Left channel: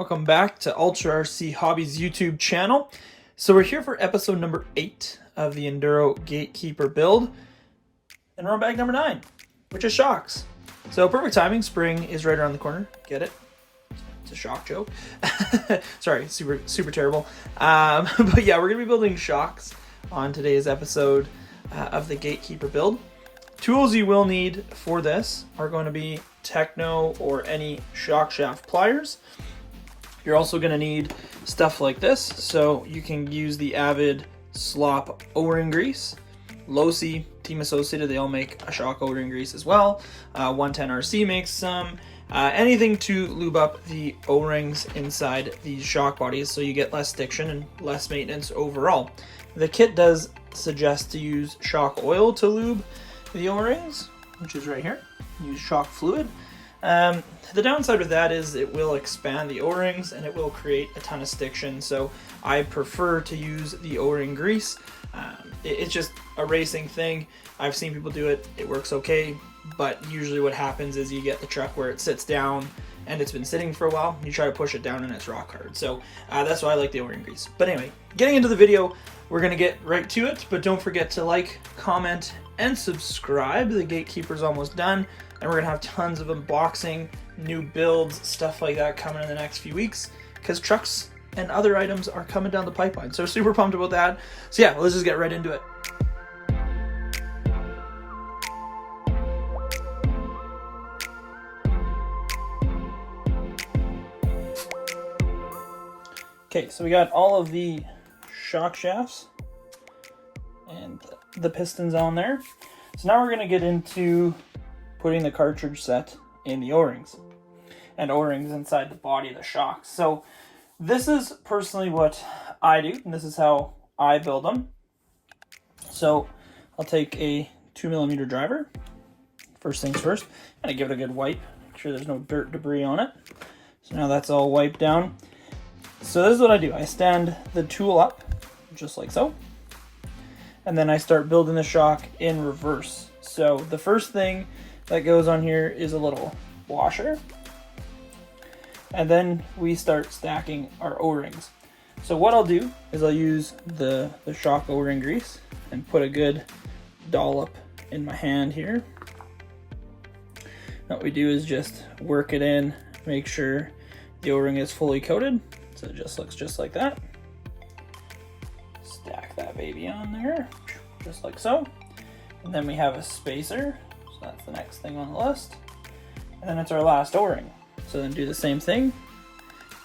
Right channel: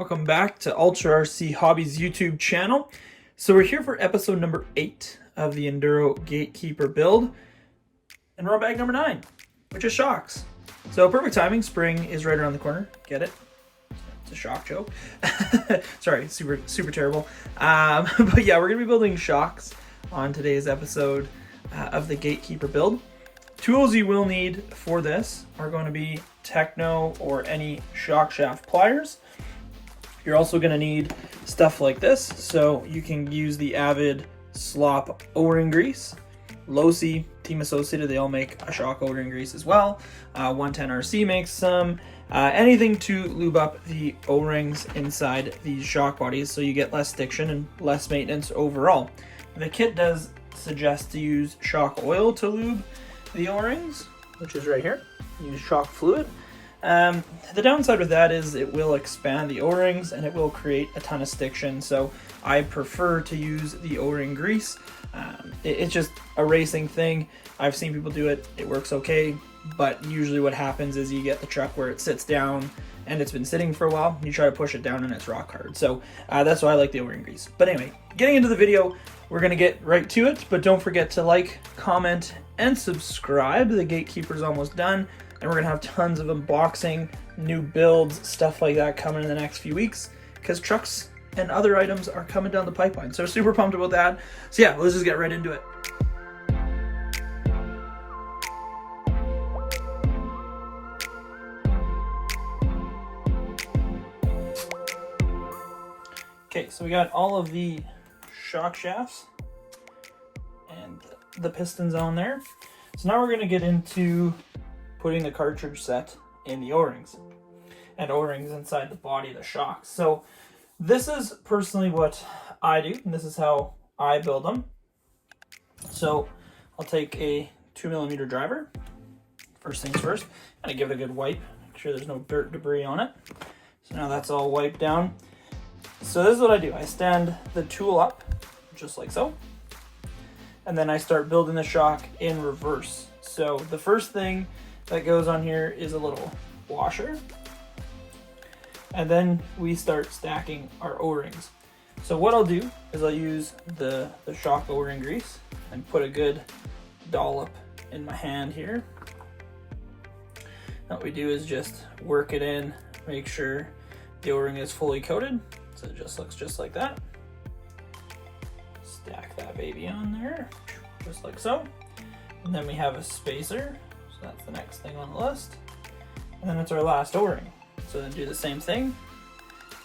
Welcome back to Ultra RC Hobbies YouTube channel. So we're here for episode number 8 of the Enduro Gatekeeper build, and we're on bag number 9, which is shocks. So perfect timing, spring is right around the corner. Get it? It's a shock joke. Sorry, super terrible. But yeah, we're gonna be building shocks on today's episode of the Gatekeeper build. Tools you will need for this are going to be Techno or any shock shaft pliers. You're also going to need stuff like this, so you can use the Avid Slop O-ring grease. Losi, Team Associated, they all make a shock O-ring grease as well. 110 RC makes some. Anything to lube up the O-rings inside these shock bodies so you get less stiction and less maintenance overall. The kit does suggest to use shock oil to lube the O-rings, which is right here. Use shock fluid. The downside with that is it will expand the O-rings and it will create a ton of stiction, so I prefer to use the O-ring grease. It's just a racing thing. I've seen people do it, it works okay, but usually what happens is you get the truck where it sits down and it's been sitting for a while, you try to push it down and it's rock hard. So that's why I like the O-ring grease. But anyway, getting into the video, we're going to get right to it, but don't forget to like, comment, and subscribe. The Gatekeeper's almost done, and we're going to have tons of unboxing, new builds, stuff like that coming in the next few weeks, because trucks and other items are coming down the pipeline. So super pumped about that. So yeah, let's just get right into it. Okay, so we got all of the shock shafts and the pistons on there. So now we're going to get into putting the cartridge set in the O-rings and O-rings inside the body of the shocks. So this is personally what I do, and this is how I build them. So I'll take a 2mm driver, first things first, and I give it a good wipe, make sure there's no dirt debris on it. So now that's all wiped down. So this is what I do. I stand the tool up, just like so, and then I start building the shock in reverse. So the first thing that goes on here is a little washer, and then we start stacking our O-rings. So what I'll do is I'll use the shock O-ring grease and put a good dollop in my hand here. What we do is just work it in, make sure the O-ring is fully coated. So it just looks just like that. Stack that baby on there, just like so. And then we have a spacer, so that's the next thing on the list. And then it's our last O-ring. So then do the same thing.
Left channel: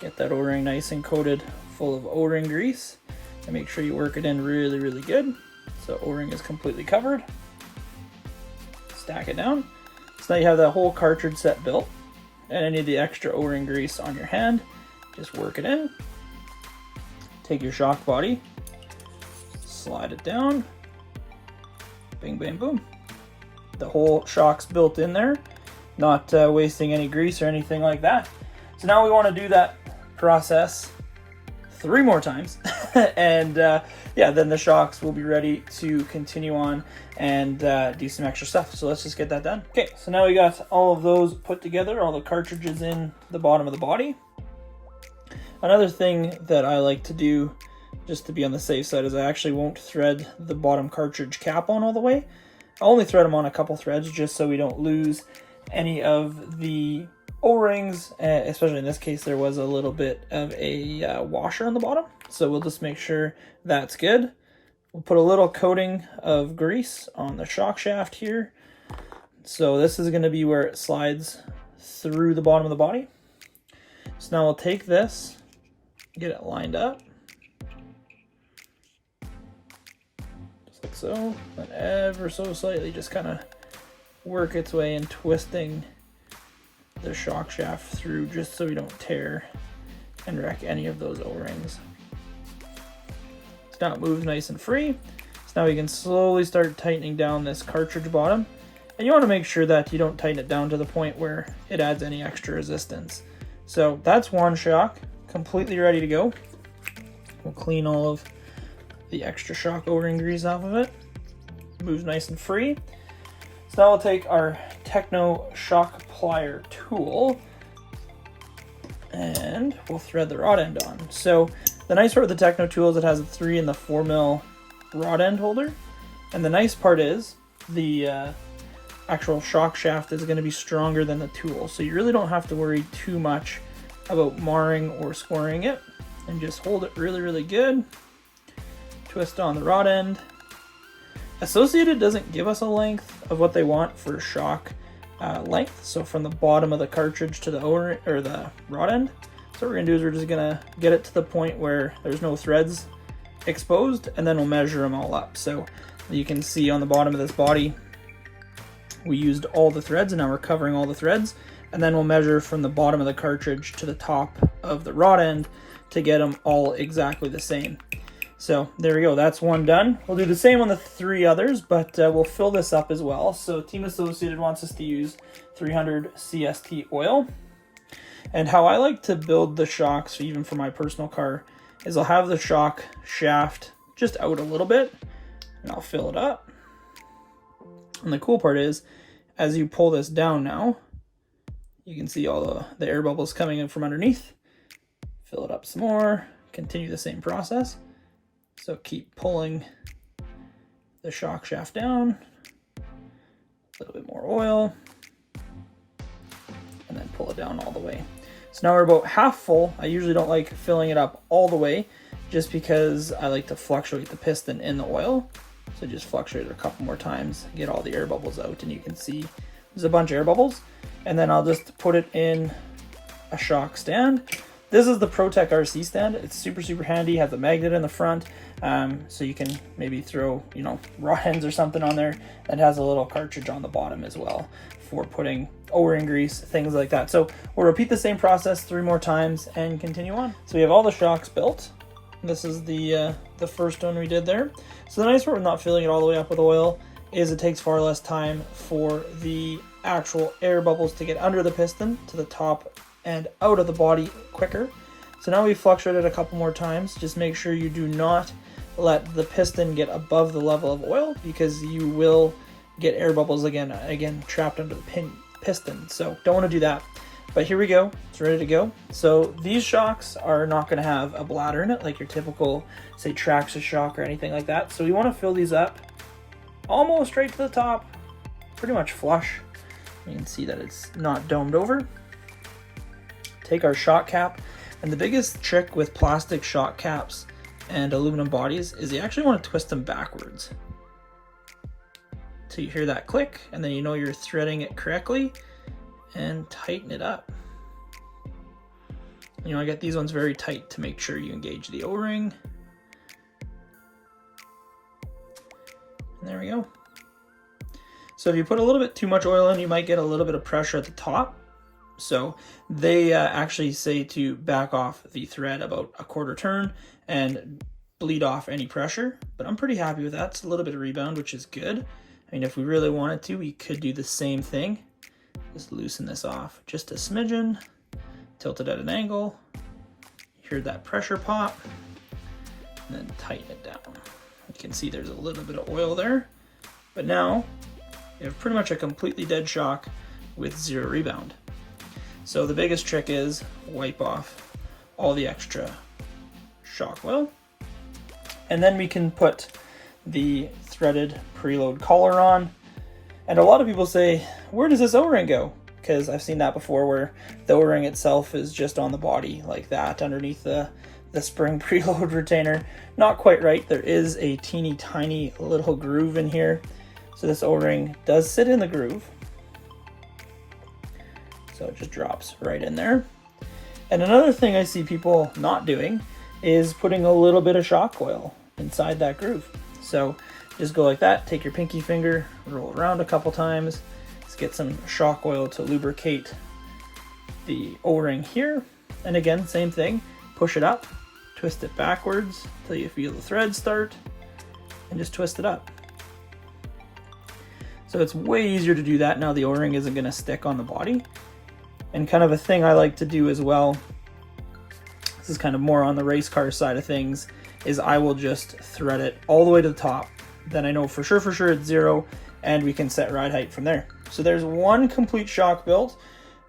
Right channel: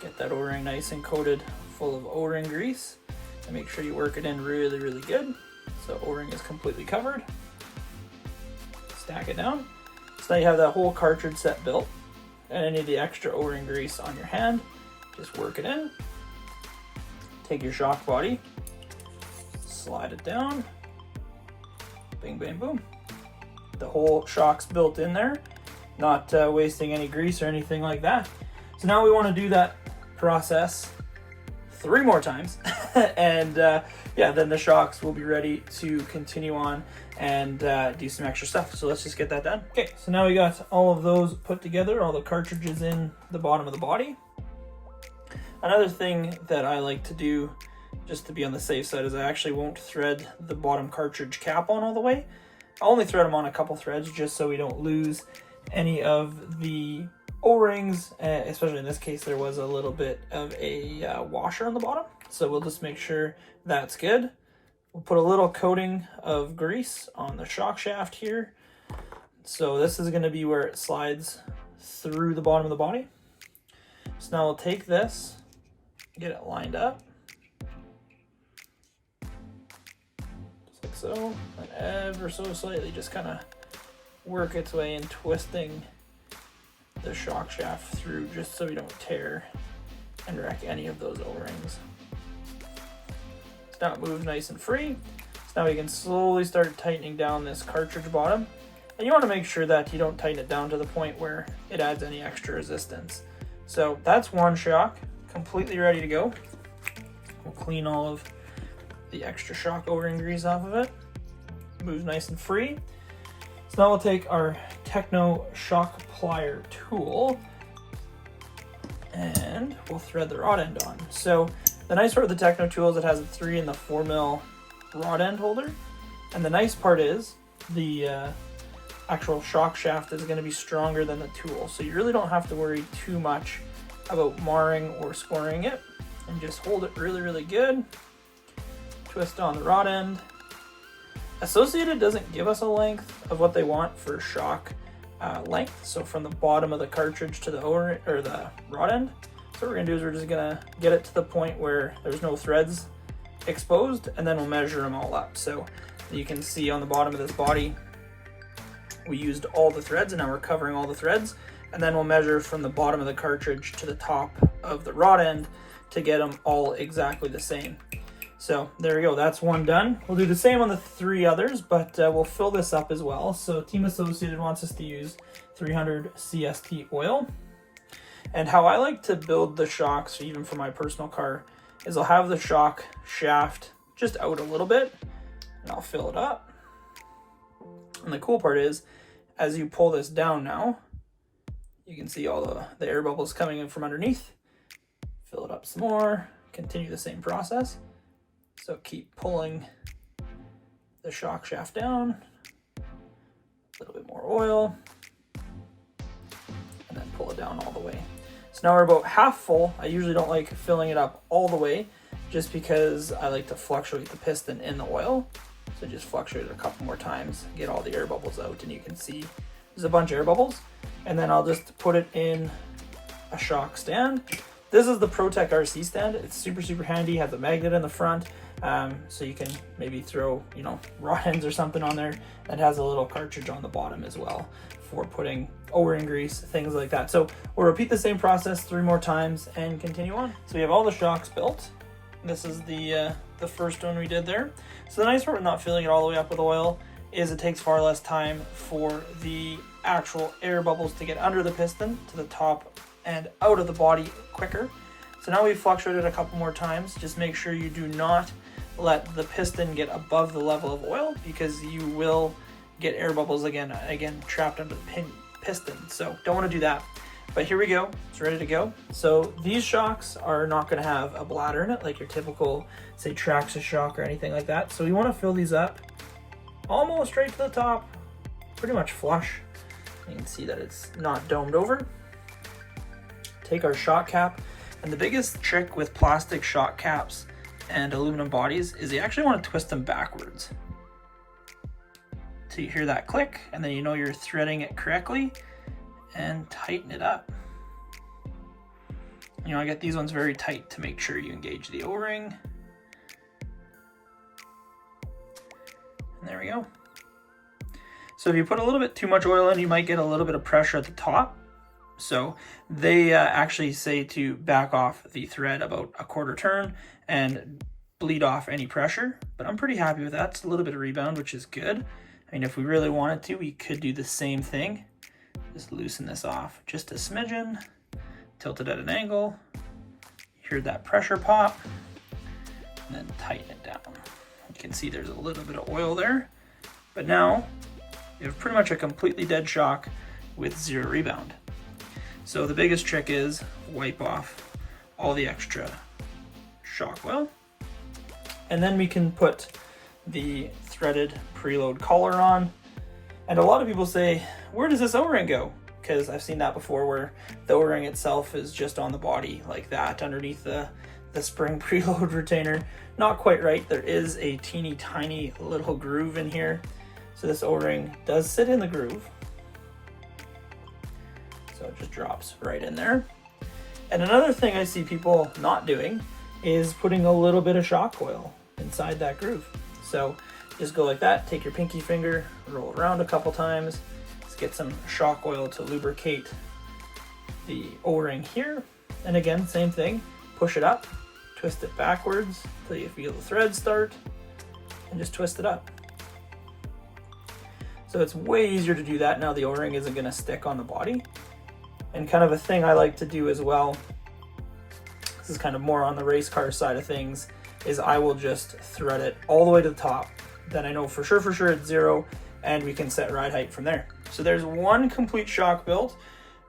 Get that O-ring nice and coated full of O-ring grease. And make sure you work it in really, really good. So O-ring is completely covered. Stack it down. So now you have that whole cartridge set built. And any of the extra O-ring grease on your hand, just work it in. Take your shock body, slide it down, bing, bang, boom. The whole shock's built in there, not wasting any grease or anything like that. So now we want to do that process 3 more times, and yeah, then the shocks will be ready to continue on and do some extra stuff. So let's just get that done. Okay, so now we got all of those put together, all the cartridges in the bottom of the body. Another thing that I like to do, just to be on the safe side, is I actually won't thread the bottom cartridge cap on all the way. I'll only thread them on a couple threads just so we don't lose any of the O-rings, especially in this case there was a little bit of a washer on the bottom. So we'll just make sure that's good. We'll put a little coating of grease on the shock shaft here. So this is going to be where it slides through the bottom of the body. So now I'll take this, get it lined up, just like so, and ever so slightly just kind of work its way in, twisting the shock shaft through just so we don't tear and wreck any of those O-rings. So now it moves nice and free. So now we can slowly start tightening down this cartridge bottom, and you want to make sure that you don't tighten it down to the point where it adds any extra resistance. So that's one shock, completely ready to go. We'll clean all of the extra shock O-ring grease off of it. Moves nice and free. So now we'll take our Techno shock plier tool and we'll thread the rod end on. So the nice part with the Techno tool is it has a 3 and the 4 mil rod end holder, and the nice part is the actual shock shaft is going to be stronger than the tool, so you really don't have to worry too much about marring or scoring it. And just hold it really good, twist on the rod end. Associated doesn't give us a length of what they want for shock length, so from the bottom of the cartridge to the O-ring or the rod end. So what we're gonna do is we're just gonna get it to the point where there's no threads exposed, and then we'll measure them all up. So you can see on the bottom of this body we used all the threads, and now we're covering all the threads, and then we'll measure from the bottom of the cartridge to the top of the rod end to get them all exactly the same. So there we go, that's one done. We'll do the same on the 3 others, but we'll fill this up as well. So Team Associated wants us to use 300 CST oil. And how I like to build the shocks, even for my personal car, is I'll have the shock shaft just out a little bit, and I'll fill it up. And the cool part is, as you pull this down now, you can see all the air bubbles coming in from underneath. Fill it up some more, continue the same process. So keep pulling the shock shaft down, a little bit more oil, and then pull it down all the way. So now we're about half full. I usually don't like filling it up all the way just because I like to fluctuate the piston in the oil. So just fluctuate it a couple more times, get all the air bubbles out, and you can see there's a bunch of air bubbles. And then I'll just put it in a shock stand. This is the ProTech RC stand. It's super handy, has a magnet in the front, so you can maybe throw, you know, rod ends or something on there. It has a little cartridge on the bottom as well for putting O-ring grease, things like that. So we'll repeat the same process 3 more times and continue on. So we have all the shocks built. This is the first one we did there. So the nice part with not filling it all the way up with oil is it takes far less time for the actual air bubbles to get under the piston to the top and out of the body quicker. So now we've fluctuated a couple more times. Just make sure you do not let the piston get above the level of oil, because you will get air bubbles again trapped under the piston. So don't want to do that. But here we go, it's ready to go. So these shocks are not going to have a bladder in it like your typical, say, Traxxas shock or anything like that. So we want to fill these up almost right to the top, pretty much flush. You can see that it's not domed over. Take our shock cap, and the biggest trick with plastic shock caps and aluminum bodies is you actually want to twist them backwards. So you hear that click, and then you know you're threading it correctly, and tighten it up. You know, I get these ones very tight to make sure you engage the O-ring. And there we go. So if you put a little bit too much oil in, you might get a little bit of pressure at the top. So they actually say to back off the thread about a quarter turn and bleed off any pressure, but I'm pretty happy with that. It's a little bit of rebound, which is good. I mean, if we really wanted to, we could do the same thing. Just loosen this off just a smidgen, tilt it at an angle, hear that pressure pop, and then tighten it down. You can see there's a little bit of oil there, but now you have pretty much a completely dead shock with 0 rebound. So the biggest trick is wipe off all the extra shock oil, and then we can put the threaded preload collar on. And a lot of people say, where does this O-ring go? Because I've seen that before, where the O-ring itself is just on the body like that underneath the spring preload retainer. Not quite right. There is a teeny tiny little groove in here. So this O-ring does sit in the groove. So it just drops right in there. And another thing I see people not doing is putting a little bit of shock oil inside that groove. So just go like that, take your pinky finger, roll around a couple times, let's get some shock oil to lubricate the O-ring here. And again, same thing, push it up, twist it backwards until you feel the thread start, and just twist it up. So it's way easier to do that now the O-ring isn't going to stick on the body. And kind of a thing I like to do as well, this is kind of more on the race car side of things, is I will just thread it all the way to the top. Then I know for sure it's 0, and we can set ride height from there. So there's one complete shock built,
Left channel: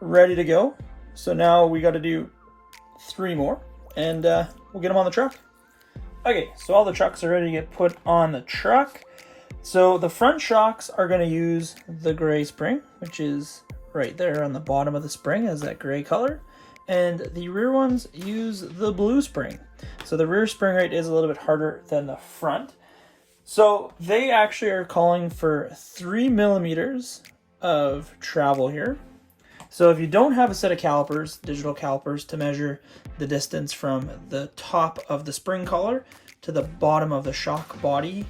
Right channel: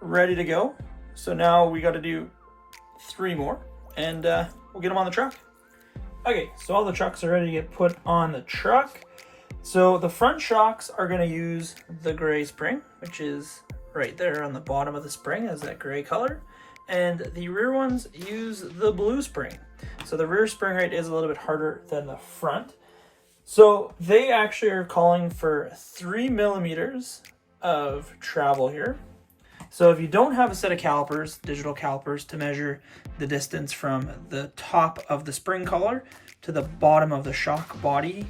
ready to go. So now we got to do 3 more, and we'll get them on the truck. Okay, so all the trucks are ready to get put on the truck. So the front shocks are going to use the gray spring, which is right there on the bottom of the spring as that gray color. And the rear ones use the blue spring. So the rear spring rate is a little bit harder than the front. So they actually are calling for 3 millimeters of travel here. So if you don't have a set of calipers, digital calipers, to measure the distance from the top of the spring collar to the bottom of the shock body,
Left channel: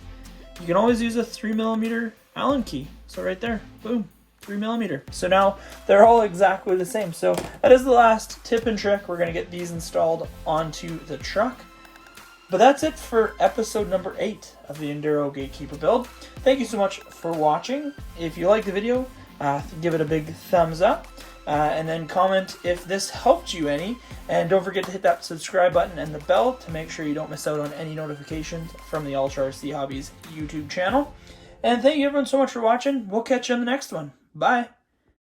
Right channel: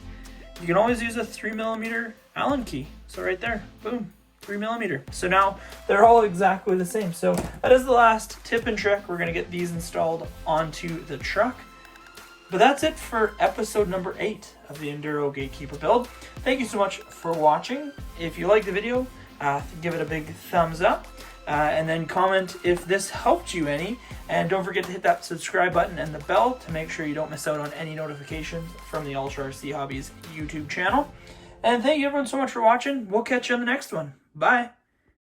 you can always use a 3 millimeter Allen key. So right there, boom, 3 millimeter. So now they're all exactly the same. So that is the last tip and trick. We're gonna get these installed onto the truck. But that's it for episode number 8 of the Enduro Gatekeeper build. Thank you so much for watching. If you liked the video, give it a big thumbs up, and then comment if this helped you any. And don't forget to hit that subscribe button and the bell to make sure you don't miss out on any notifications from the Ultra RC Hobbies YouTube channel. And thank you everyone so much for watching. We'll catch you on the next one. Bye.